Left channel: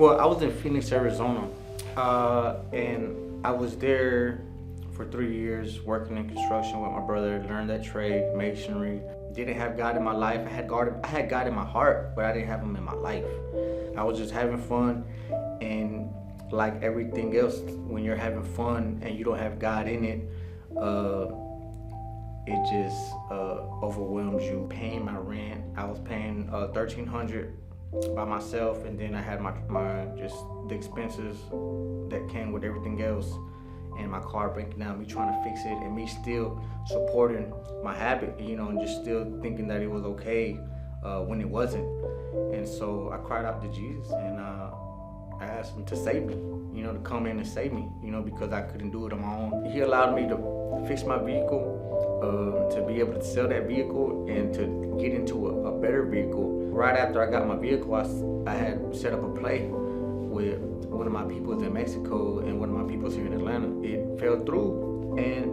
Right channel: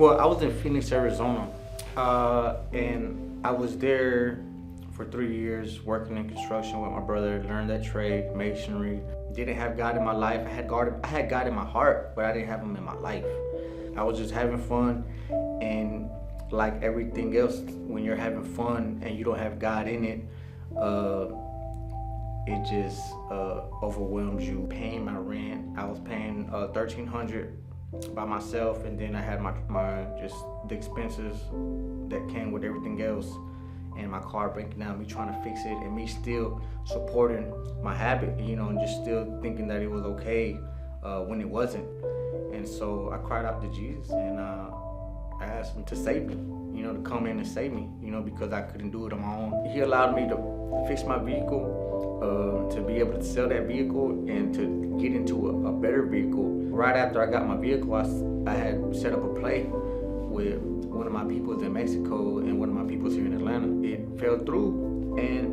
Well, I was in Phoenix, Arizona, and I was there for 3 years working in construction with my brother. Learned that trade, masonry. Didn't have God in my life. I had God in my heart, but I didn't have Him in my life. I was just having fun, and like everything else, when you're having fun and you don't have God in it, it just overwhelms you. Paying my rent, I was paying $1,300 by myself, and then I had my just the expenses that came with everything else, and my car breaking down, me trying to fix it, and me still supporting my habit, and just still thinking that it was okay when it wasn't. And so I cried out to Jesus, and I asked Him to save me, to come in and save me, because I couldn't do it on my own. He allowed me to fix my vehicle, to be able to sell that vehicle and to get into a better vehicle. Right after I got my vehicle, I had set up a play with one of my peoples in Mexico and one of my peoples here in Atlanta. It fell through, and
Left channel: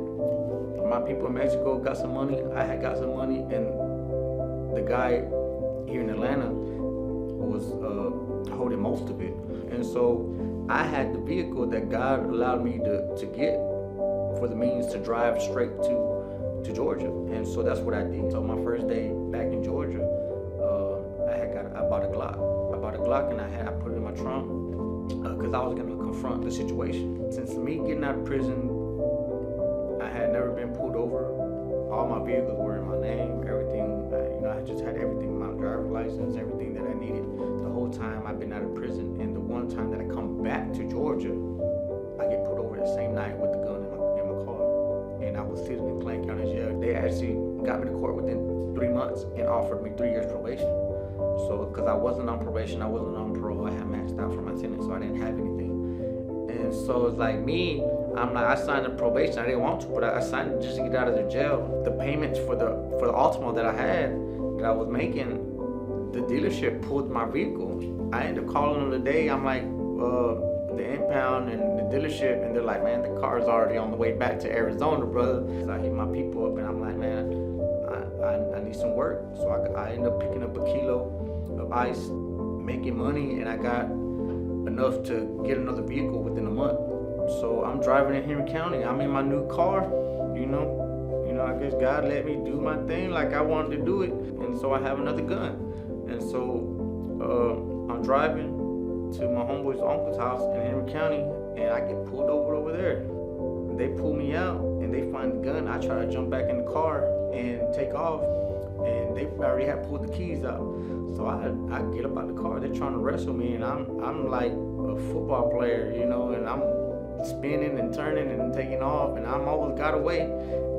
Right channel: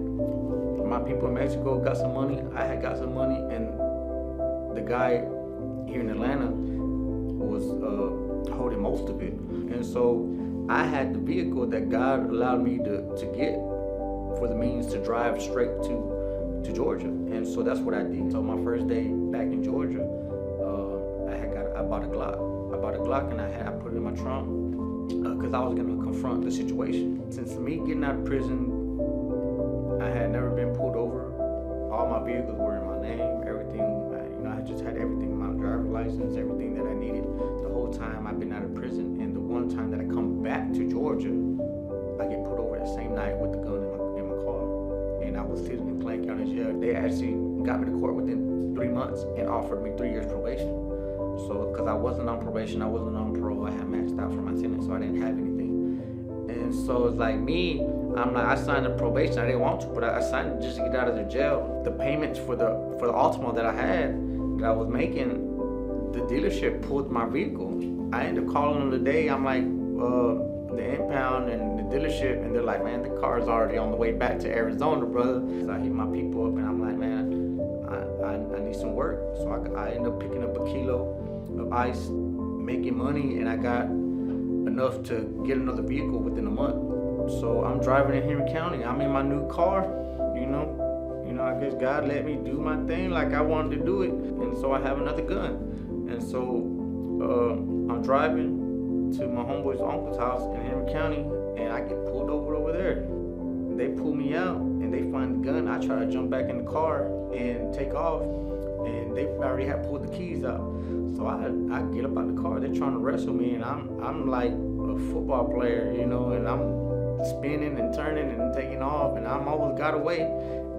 my people in Mexico got some money, I had got some money, and the guy here in Atlanta was holding most of it. And so I had the vehicle that God allowed me to get for the means to drive straight to Georgia. And so that's what I did. So my first day back in Georgia, I bought a Glock. I bought a Glock, and I put it in my trunk because I was going to confront the situation. Since me getting out of prison, I had never been pulled over. All my vehicles were in my name, everything. I just had everything, my driver's license, everything that I needed the whole time I've been out of prison. And the one time that I come back to Georgia, I get pulled over the same night with the gun in my car. And I was sitting in Clayton County Jail. They actually got me to court within 3 months and offered me 3 years probation. So, because I wasn't on probation, I wasn't on parole, I had maxed out for my sentence, so I didn't have anything. And so it's like me, I signed the probation. I didn't want to, but I signed it just to get out of the jail. The payments for the Altima that I was making, the dealership pulled my vehicle. I ended up calling them today. I'm like, the impound and the dealership, and they're like, man, the car's already on the way back to Arizona, brother. So I hit my people up, and I'm like, man, I need some work. So I ended up picking up a kilo of ice, making money, and I got enough to get another vehicle within a month. So I'm driving in Henry County. I'm in my new car, I guess God let me do my thing like I wanted to do it, and so I have another gun. And so I'm driving to my homeboy's uncle's house in Henry County, and I get pulled over there. They pull me out, and they find the gun. I try to jump back in the car and take off, and they already had pulled the keys out. So I get up out the car. They're trying to wrestle me, and I'm like a football player, and I'm spinning and turning and taking off, and I almost got away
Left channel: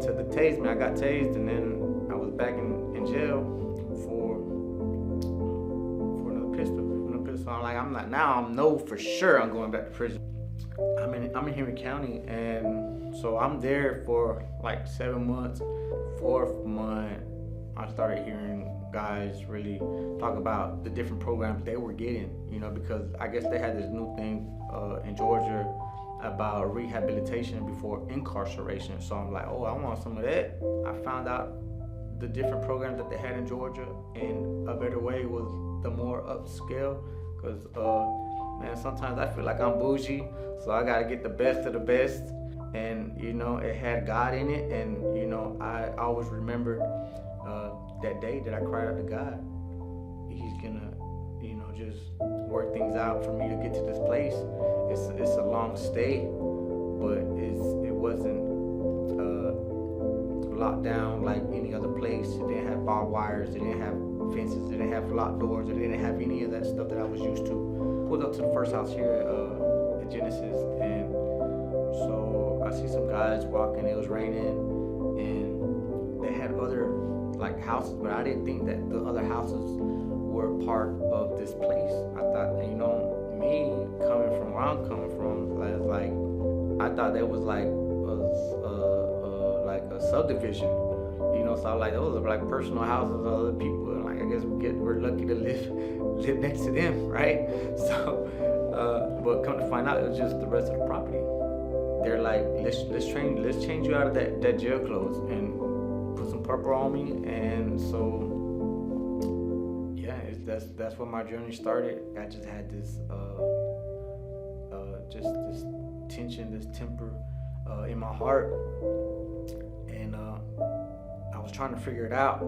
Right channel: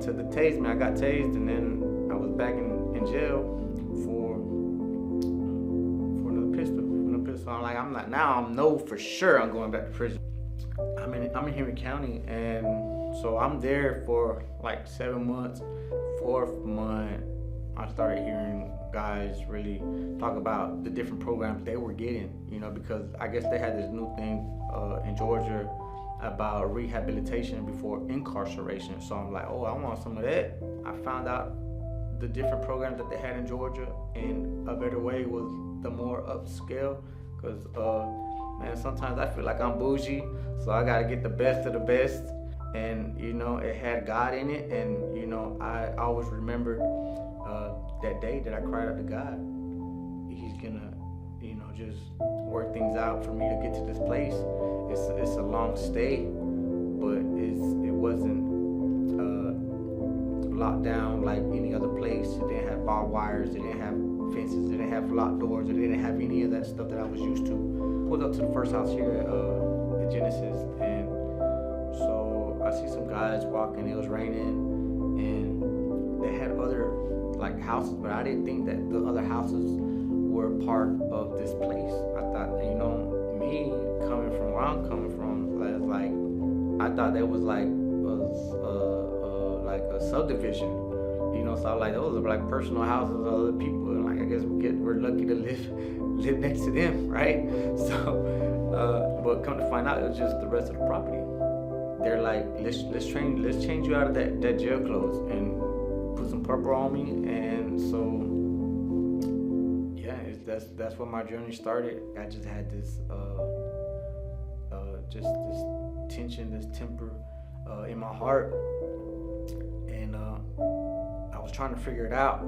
to the tase me. I got tased, and then I was back in jail for another pistol. Now I know for sure I'm going back to prison. I'm in Henry County, and so I'm there for like 7 months. 4th month, I started hearing guys really talk about the different programs they were getting, because I guess they had this new thing in Georgia about rehabilitation before incarceration. So I'm like, oh, I want some of that. I found out the different programs that they had in Georgia, and A Better Way was the more upscale, because man, sometimes I feel like I'm bougie, so I gotta get the best of the best. And it had God in it, and I always remembered that day that I cried out to God. He's gonna just work things out for me to get to this place. It's a long stay, but it wasn't locked down like any other place. It didn't have barbed wires, it didn't have fences, it didn't have locked doors, it didn't have any of that stuff that I was used to. Pulled up to the first house here at Genesis, and so I see some guys walking. It was raining, and they had other like houses, but I didn't think that the other houses were part of this place. I thought, me coming from where I'm coming from, I thought that was like a subdivision, So I was like, those are like personal houses of other people, and like I guess we're lucky to live next to them, right? So, but come to find out, it was just the rest of the property. They're like, let's change you out of that jail clothes and put some purple on me. And so yeah, that's where my journey started. I just had this just this tension, this temper in my heart, and I was trying to figure it out.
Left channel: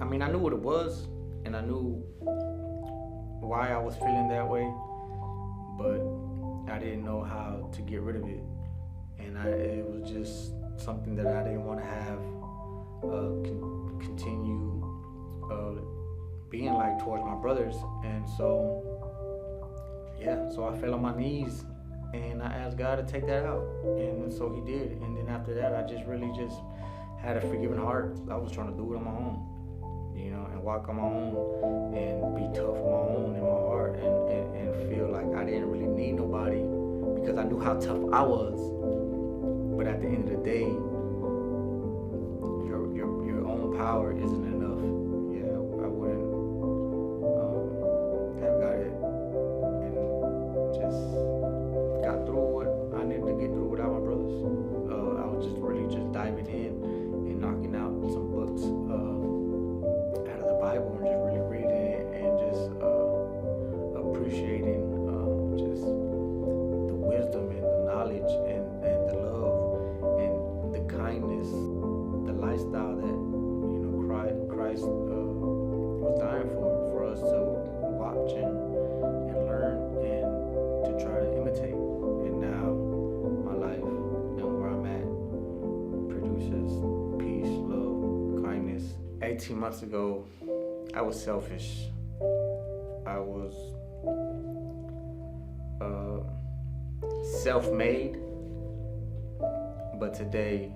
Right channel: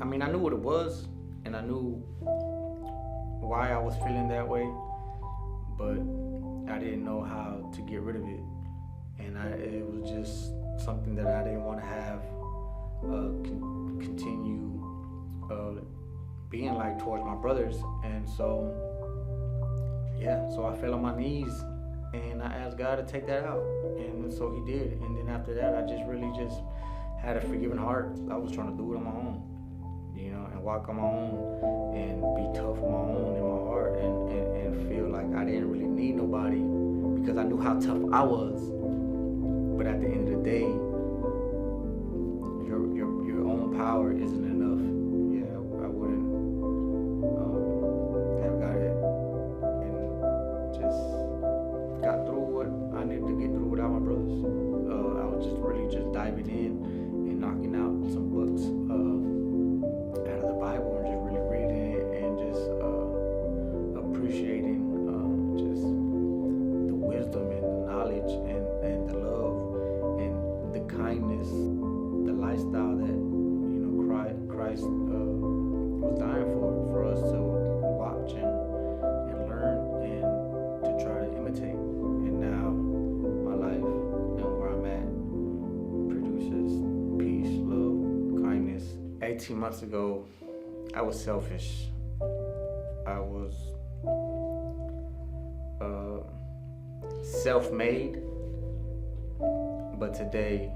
I mean, I knew what it was, and I knew why I was feeling that way, but I didn't know how to get rid of it, and it was just something that I didn't want to have continue being like towards my brothers. And so so I fell on my knees and I asked God to take that out, and so He did. And then after that, I just really just had a forgiving heart. I was trying to do it on my own, and walk on my own and be tough on my own in my heart, and feel like I didn't really need nobody because I knew how tough I was. But at the end of the day, your own power isn't enough. Yeah, I wouldn't have got it and just got through what I needed to get through without my brothers. I was just really just diving in and knocking out some books out of the Bible and just really reading it and just appreciating just the wisdom and the knowledge and the love and the kindness, the lifestyle that Christ was dying for us to watch and learn and to try to imitate. And now my life and where I'm at produces peace, love, kindness. 18 months ago, I was selfish. I was self-made, but today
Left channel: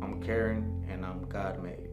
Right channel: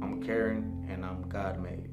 I'm caring and I'm God-made.